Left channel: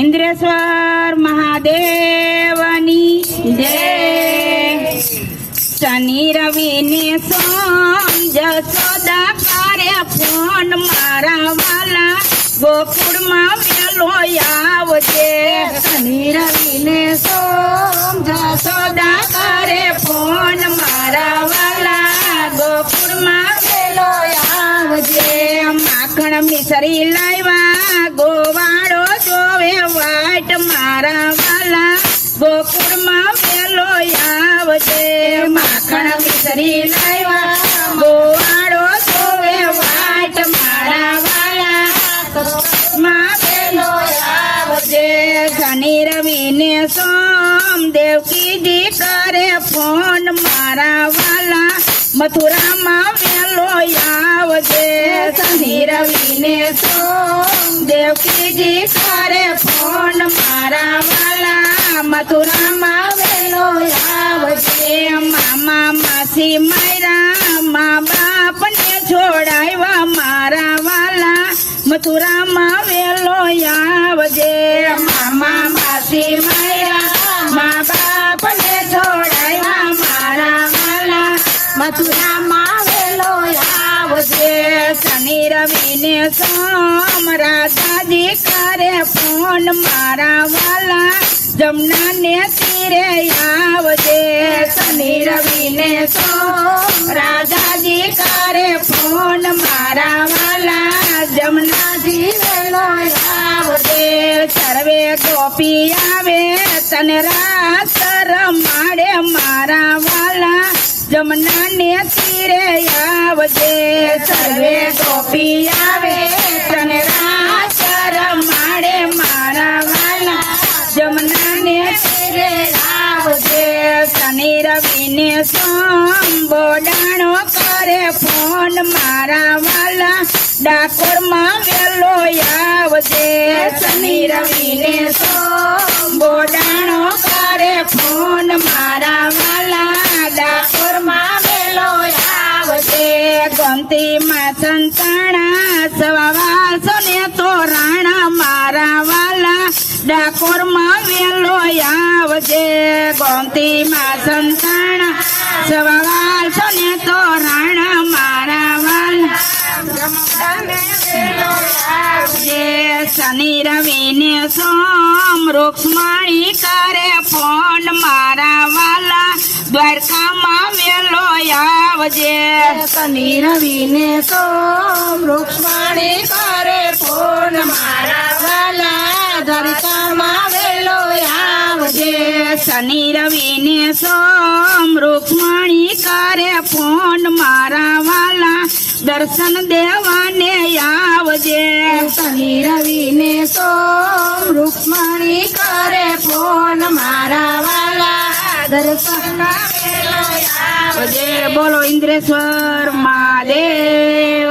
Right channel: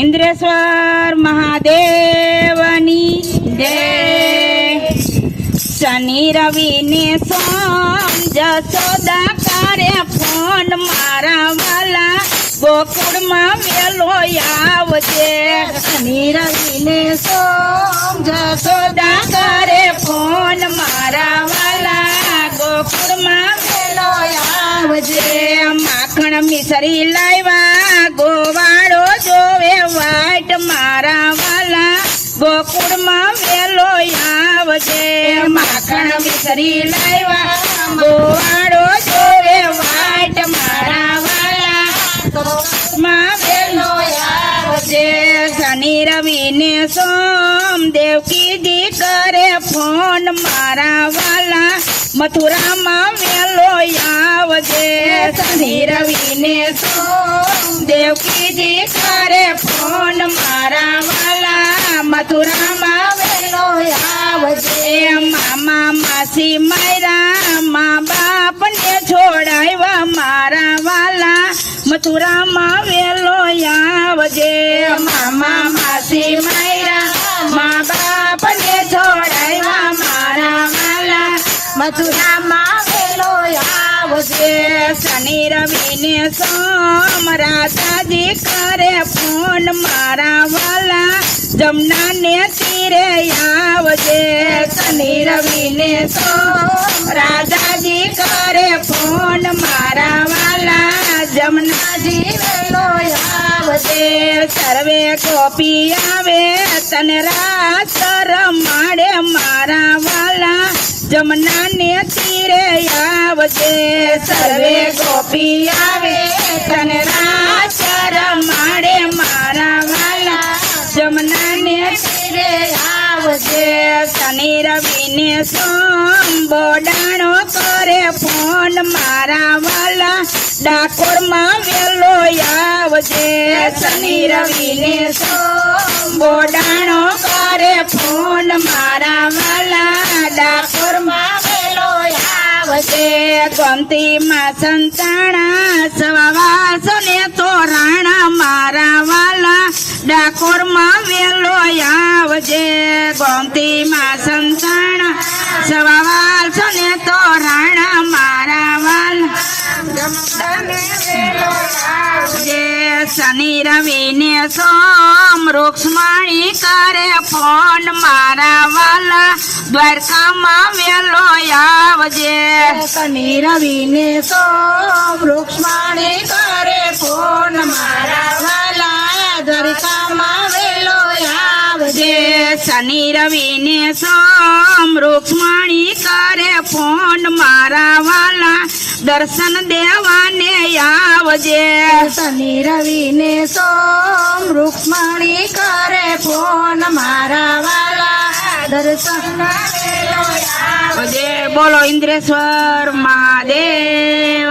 ઇન્દ્રેશ્વર મહાદેવની જય। શનિ રવિ ને સોમ જશોદા કરે ફોન મારા વાલા ગોકુળમાં વેલો આવજે। શનિ રવિ ને સોમ જશોદા કરે ફોન મારા વાલા ગોકુળમાં વેલો આવજે। માખણ મિસરી લાવ્યા ગોવાળો જોવે વાટ મારા વાલા ગોકુળમાં વેલો આવજે। માખણ મિસરી લાવ્યા ગોવાળો જોવે વાટ મારા વાલા ગોકુળમાં વેલો આવજે। શનિ રવિ ને સોમ દેવકીજી કરે ફોન મારા વાલા મથુરામાં વેલો આવજે। શનિ રવિ ને સોમ દેવકીજી કરે ફોન મારા વાલા મથુરામાં વેલો આવજે। મામા માસી માયરા મા બાપ ને છોડાવ્યા મારા વાલા મથુરામાં વેલો આવજે। મામા માસી માયરા મા બાપ ને છોડાવ્યા મારા વાલા મથુરામાં વેલો આવજે। શનિ રવિ ને સોમ રાધાજી કરે ફોન મારા વાલા જમના ને તીરે આવજે। શનિ રવિ ને સોમ રાધાજી કરે ફોન મારા વાલા જમનાજી વેલો આવજે। સર્વે ગોપી આવે તને રાત રમાડે મારા વાલા જમના ને તીરે આવજે। સર્વે ગોપી આવે તને રાત રમાડે મારા વાલા જમના ને તીરે આવજે। શનિ રવિ ને સોમ બોડાણો કરે ફોન મારા વાલા ડાકોરમાં વેલો આવજે। શનિ રવિ ને સોમ બોડાણો કરે ફોન મારા વાલા ડાકોરમાં વેલો આવજે। ગોમતીમાં સંતાણા સવાસો ને તોરાણા મારા વાલા ડાકોરમાં વેલો આવજે। ગોમતીમાં સંતાણા સવાસો ને તોરાણા મારા વાલા વેલો આવજે। શનિ રવિ ને સોમ રૂક્ષ્મણી કરે ફોન મારા વાલા દ્વારકામાં વેલો આવજે। શનિ રવિ ને સોમ રૂક્ષ્મણી કરે ફોન મારા વાલા દ્વારકામાં વેલો આવજે। શનિ રવિ ને સોમ રૂક્ષ્મણી કરે ફોન મારા વાલા દર્શન દેવાને આવજે। શનિ રવિ ને સોમ રૂક્ષ્મણી કરે ફોન મારા વાલા દર્શન વેલો આવજે। બોલો ઇન્દ્રેશ્વર મહાદેવ।